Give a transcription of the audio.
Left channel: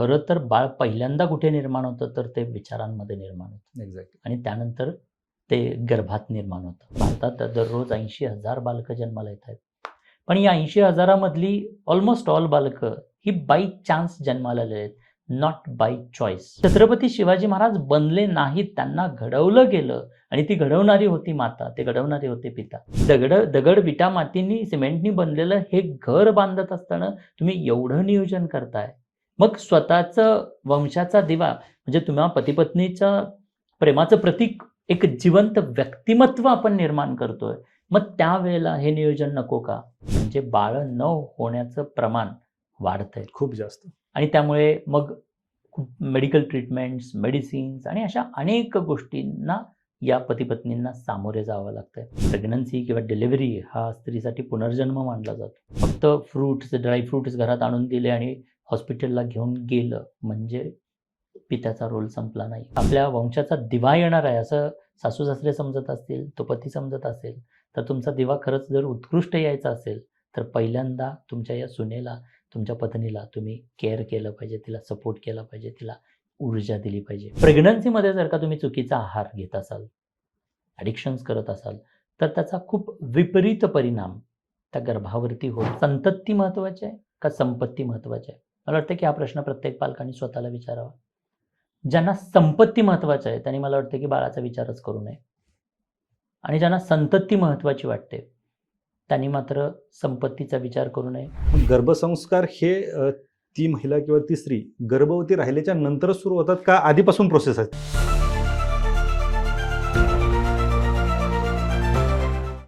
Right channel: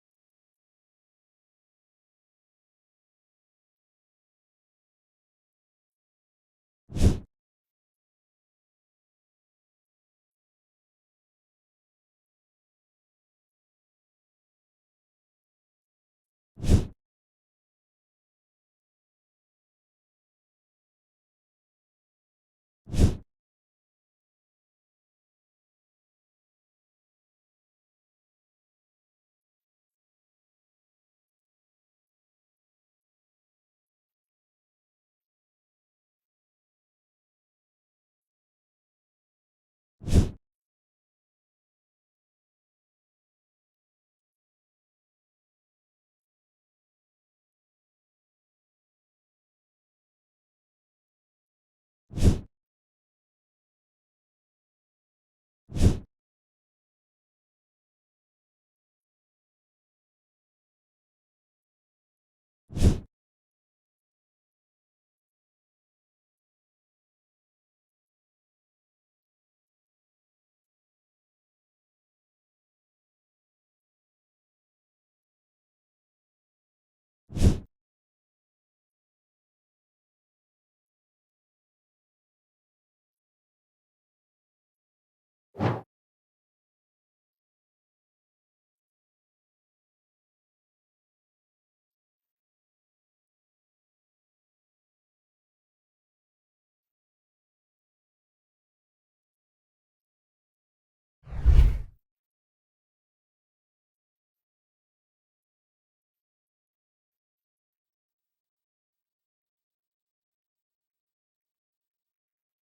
खरं तर बाळ पहिल्यांदा कुठे निर्माण होतं, तर ते विचारांमध्ये निर्माण होतं एक्झॅक्टली. आणि त्यानंतर ते गर्भात निर्माण होतं. भारतात दररोज 80,000 बालकं जन्माला येत आहेत. पण या 80,000 मधली ऑलमोस्ट ऑल बालकं ही बाय चान्स जन्माला आलेली आहेत, not bye choice. Chhatrapati Shivaji Maharaj बनले नाहीत, त्यांना घडवलं गेलं आणि ती घडवणारी होती माता, ते घडवणारे होते पिता. दगड, विटा, मातींनी, सिमेंटनी बनलेलं हे घर बांधत असताना तुम्ही एवढं नियोजन करताय. मग स्वतःचं वंशाचा दिवा म्हणजे तुम्हा पती-पत्नीच्या प्रेमाचं प्रतीक एक जिवंत व्यक्तिमत्व आपण निर्माण करतोय. मग त्यावेळेला हे नियोजन नको का? म्हणजे बाळं न होण्याचं प्रमाण वाढतंय खूप जास्त. आणि त्यामुळे मग मेडिकल ट्रीटमेंट्स, मेडिसिन्स आणि अशा अनेक गोष्टींना या पती-पत्नींना सामोरे जावं लागतंय. प्रेग्नन्सी किंवा डिलिव्हरी हा स्त्रीसाठी पुनर्जन्म मानला जातो. फक्त फ्रुट्स, ड्राय फ्रुट्स घरात आणून दिले आणि हॉस्पिटलला घेऊन गेलं म्हणजे पित्याचा रोल संपला नाही. आपल्या वंशाचा दिवा येणार आहे असं सासू-सासरे समजत असतील, तो पती समजत असेल, तर तुमचा दिवा खरंच जर उत्कृष्ट यायचा असेल, तर पहिल्यांदा तुमच्या या सुनेला, तुमच्या पत्नीला तुम्ही केअर केलं पाहिजे, तिला सपोर्ट केला पाहिजे, तिला ऊर्जा दिली पाहिजे. प्रेग्नन्सीमध्ये जर का तुम्ही चुकीचा आहार घेत असाल, ॲडिक्शन्स करत असाल, तर त्याचा खूप विपरीत परिणाम त्या गर्भावरती होईल. संतती महत्त्वाची आहे का संपत्ती महत्त्वाची आहे? मला वाटतं की हा प्रश्न प्रत्येक पालकांनी स्वतःला विचारावा. ज्यांना संपत्ती महत्त्वाची आहे, त्यांनी मला वाटतं की बाळाचा विचारच करू नये आणि ज्यांना संतती महत्त्वाची वाटते, त्यांनी मात्र संपत्तीचा विचार करू नये. पण गर्भसंस्कार हे ती महिला किंवा ती स्त्री गर्भवती राहिल्याच्या नंतरच सुरू होतात का आधीपासून प्रोसेस आहे?